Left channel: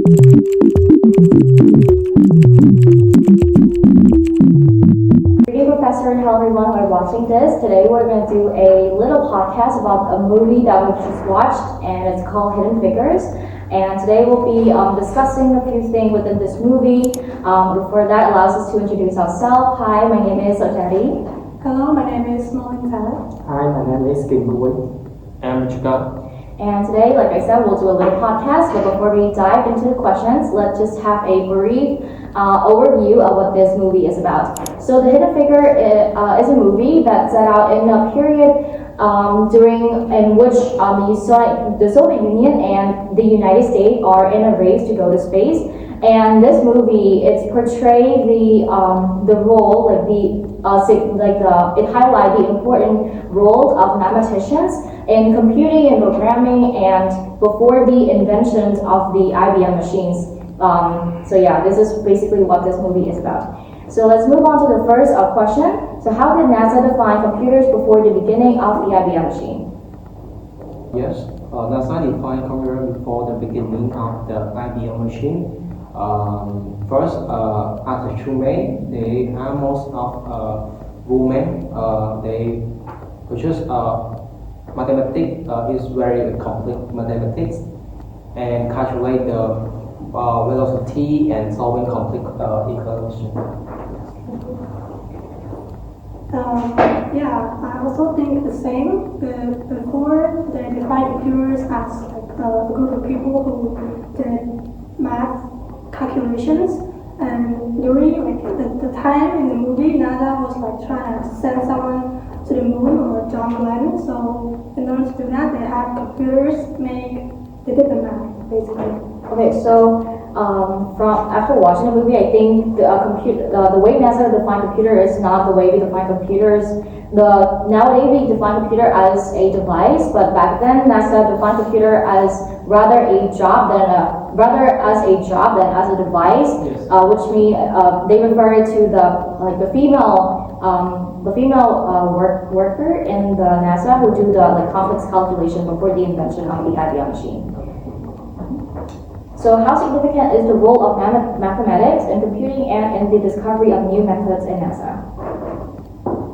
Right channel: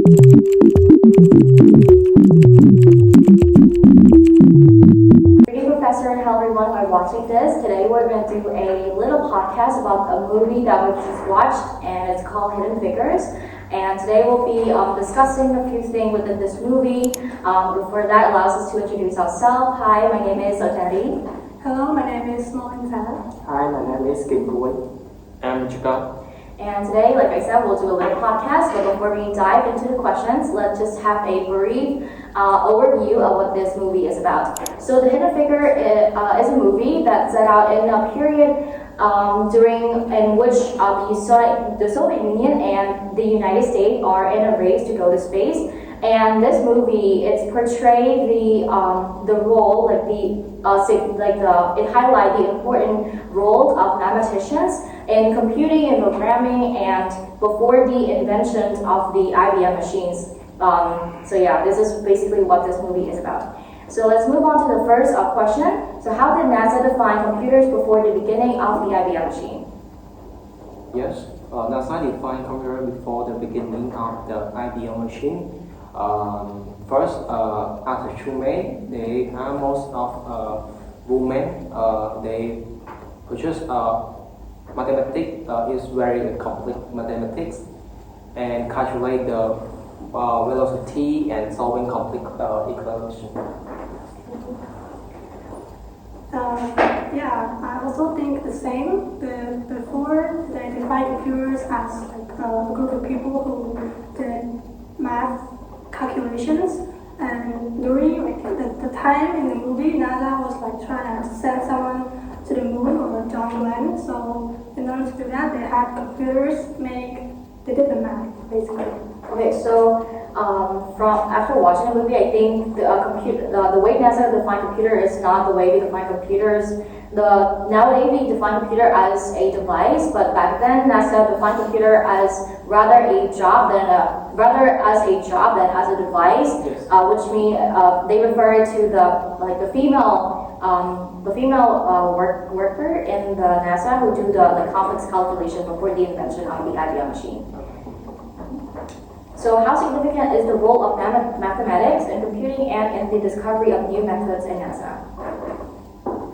Professor, and hello everyone who are watching this. Today we're going to do a little podcast about a movie that we just watched, and it's called Hidden Figures. And today we'll be discussing a few things within this movie. Before that, allows us to introduce ourselves. Hi, my name is Sochary. Hello, my name is Molinza. Hi, my name is Kimkuy Ngo. And today, like I said, we'll do a little podcast, but before we dive into the questions, let's just have a brief overview of what this movie is about. So The Hidden Figure is a movie that set out in a period in which the Soviet Union and the United States are in a race to go to space. And this movie, it portrayed the role, it highlighted the important role of mathematicians in computing and programming, and before the invention of the IBM machines. This is basically what this movie is about. So let's move on to the first question. So how did NASA define computers before the beginning of the IBM machine? Yes, NASA defined computer before the beginning of the IBM machine. First, after Chum, they are most of women. They produce mathematics is very complex mathematics and calculate the velocity and solving complex equations. I also think the same. Before they defined computers as a group of people who did math calculations, and during the time in the movie, NASA was trying to send someone to the moon or John Glenn. So in order to do that, they had computers they did the math basically. Okay, so after watching the movie, I think the way NASA define computer is not the way we define computers. Nowadays we define computer as a device, but back then NASA defined computer as rather as a job than as a device, Yes. Which means they refer to the female worker in the NASA who do the complex calculation before the invention of the IBM machine. So how significant is the role of mathematics in computing and in the discovery of new methods in NASA?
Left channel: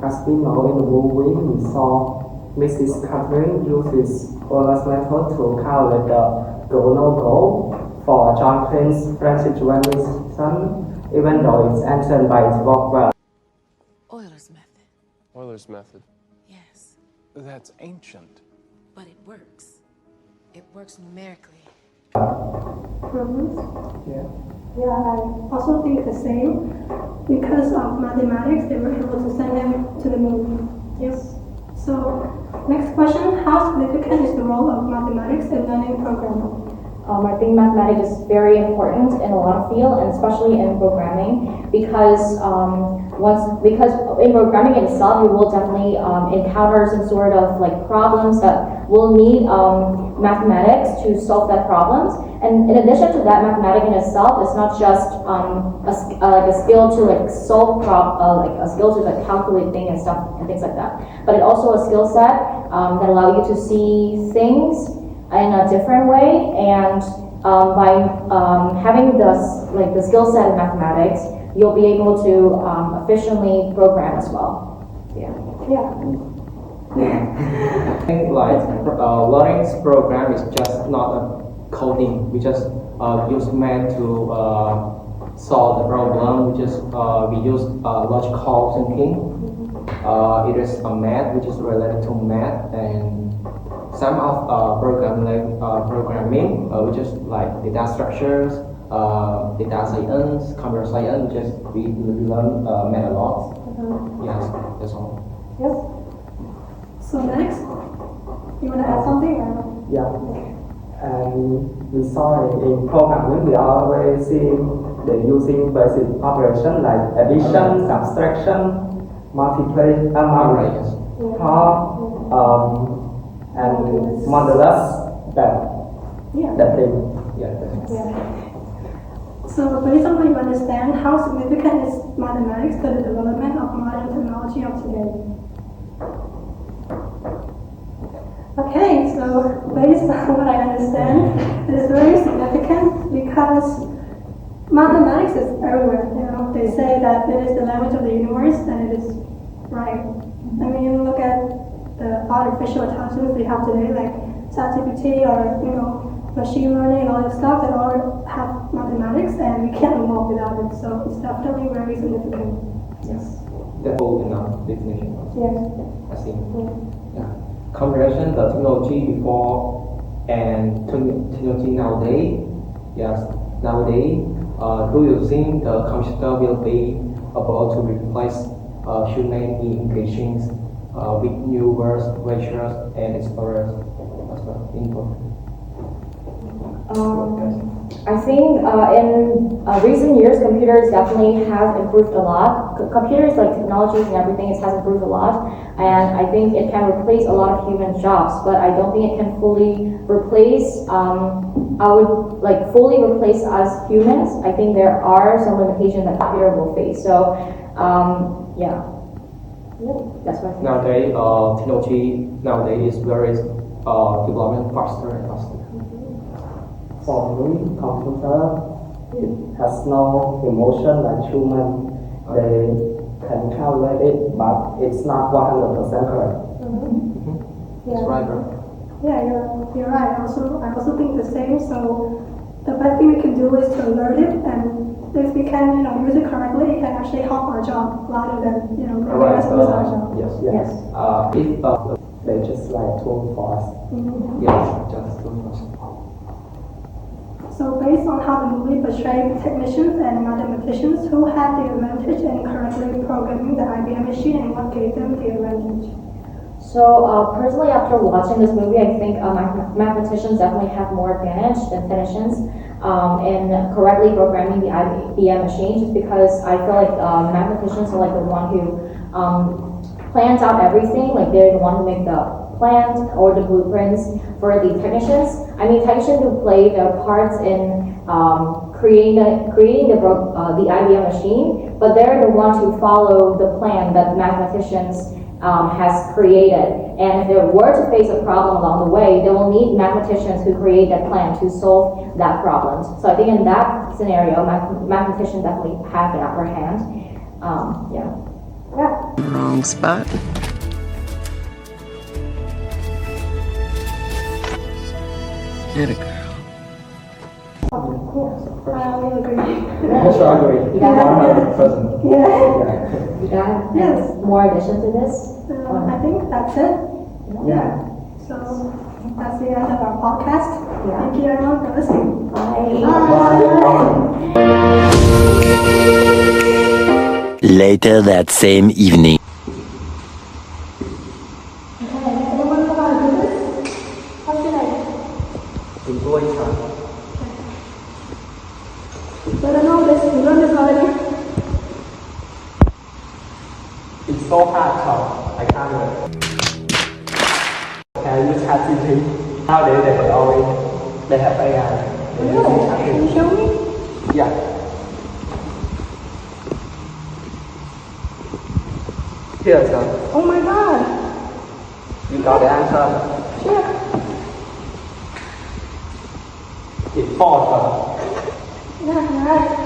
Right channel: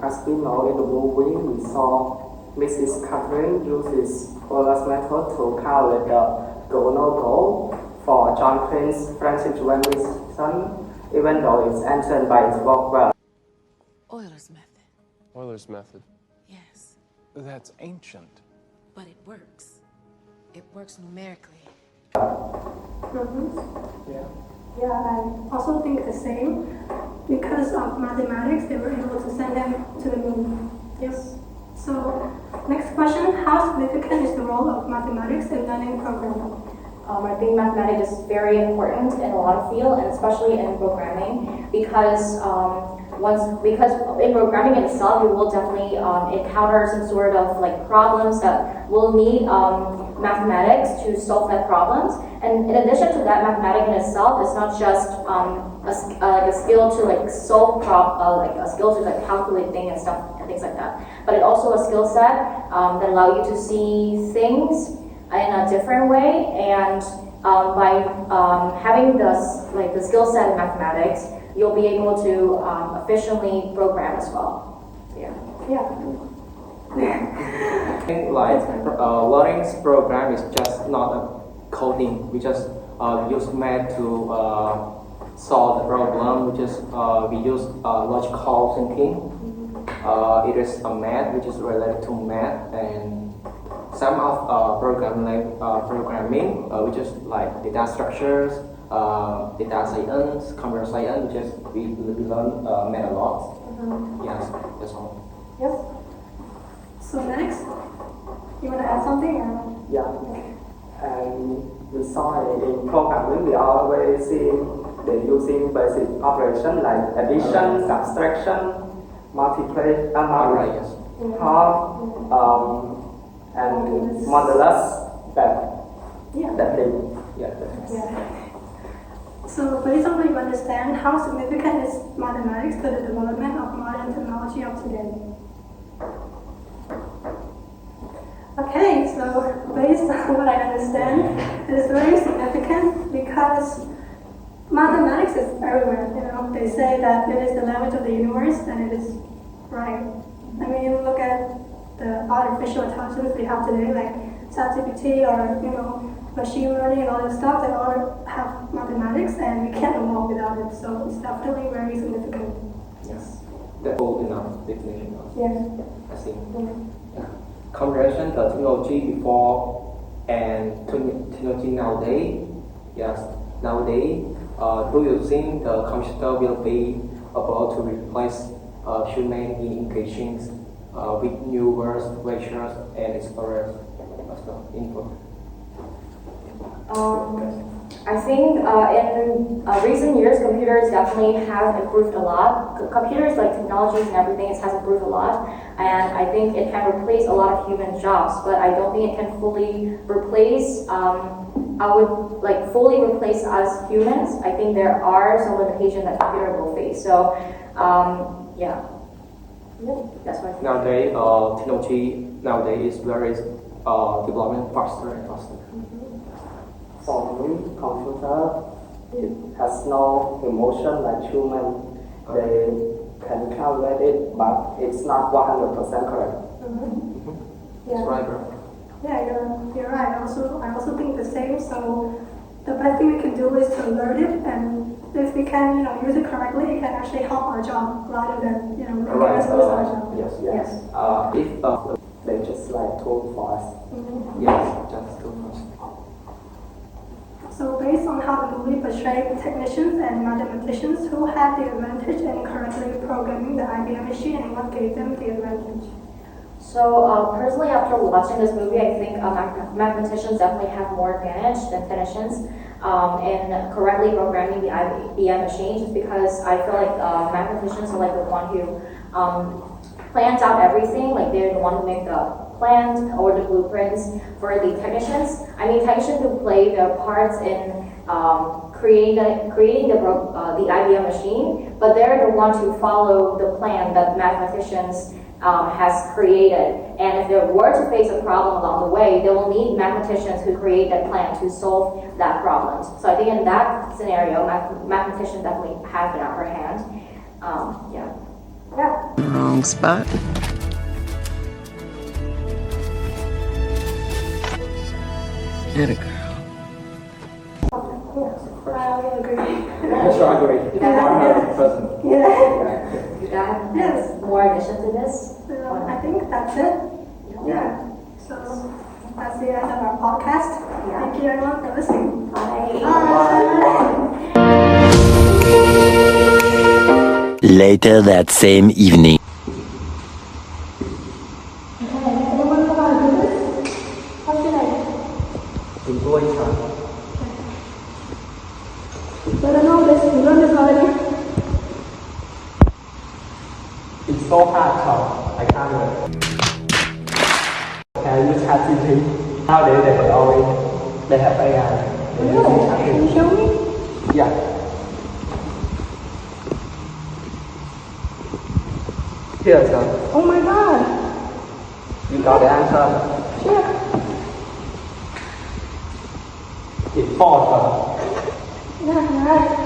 As we know in the movie, we saw Mrs. Catherine uses Euler's method to calculate the go-no-go for John Glenn's friendship relation, even though it's answered by its work well. Euler's method. Euler's method. Yes, That's ancient. but it works. It works numerically. Yeah, I also think the same. Because of mathematics, they were able to send him to the moon. Yes. So, next question: how significant is the role of mathematics in learning programming? I think mathematics is very important in a lot of fields, and especially in programming, because in programming itself, you will definitely encounter some sort of problems that will need mathematics to solve that problems. And in addition to that, mathematics in itself is not just a skill to solve a skill to calculate things and stuff and things like that, but it's also a skill set that allow you to see things in a different way, and by having the skill set in mathematics, you'll be able to efficiently program as well. Yeah. I think learning program is just not a coding. We just use math to solve the problem. We use logical thinking. It is a math which is related to math, and some of programming, which is data structures, data science, computer science, which is we learn math a lot. Yes, that's all. Yep. So next, you want to add something? Or? Yeah. And we saw in programming, we always see they using basic operation like addition, subtraction, multiplication, and modulus, that thing. Yeah. So based on what you understand, how significant is mathematics to the development of modern technology of today? Okay, so based on what I understand, it is very significant because because mathematics is everywhere. You know, they say that it is the language of the universe, and it is right. I mean, look at the artificial intelligence we have today, like ChatGPT or machine learning and all that stuff. They all have mathematics, and we can't evolve without it. So it's definitely very significant. Yes. That's all enough definition. Yes. I see. Yeah. Yeah. Comparison the technology before and technology nowadays. Yes. Nowadays, do you think the computer will be able to replace human engaging with new words, lectures, and explorers as well? Input. I think in recent years, computers definitely have improved a lot. Computers, like technologies and everything, it has improved a lot. And I think it can replace a lot of human jobs, but I don't think it can fully replace, fully replace us humans. I think there are some limitations that computer will face. So, yeah, that's what I think. Nowadays, technology nowadays is very development faster and faster. For me, computer, it has no emotion like human. They can calculate it, but it's not 100% correct. Yeah. That's right, bro. Yeah, you're right. I also think the same. So the best thing we can do is to learn it, and if we can, use it correctly, it can actually help our job rather than, making us lose our job. Yes. If They just like tool for us. yes, just two minutes. So based on how the movie portrayed technicians and mathematicians, who had the advantage in correctly programming the IBM machine, and what gave them the advantage? So personally, after watching this movie, I think mathematicians definitely have more advantage than technicians in correctly programming the IBM machine, just because I feel like mathematicians are like the one who plans out everything, like they're the one who make the plans or the blueprints for the technicians. I mean, technicians who play their parts in creating the IBM machine, but they're the ones who follow the plan that mathematicians has created. And if they were to face a problem along the way, they will need mathematicians who create that plan to solve that problem. So I think in that scenario, mathematicians definitely have an upper hand. Yeah. Wrong spot. Get a girl. I agree. Yes, I agree. You got Yeah. You got Yes. more addition to this? I think that's it. Yeah. So that's the end of our podcast. Yeah. Thank you everyone for listening. Later that same evening. What's your name? Kimkuy Ngo. So I don't know this. You learned this already? It's so hard, I can't do it. Can you ChatGPT? Nowadays they have AI. They use Can you ChatGPT. show me? Yeah. Here, sir. Oh my god. You got the answer. Yeah. It's false, sir. Yeah, right.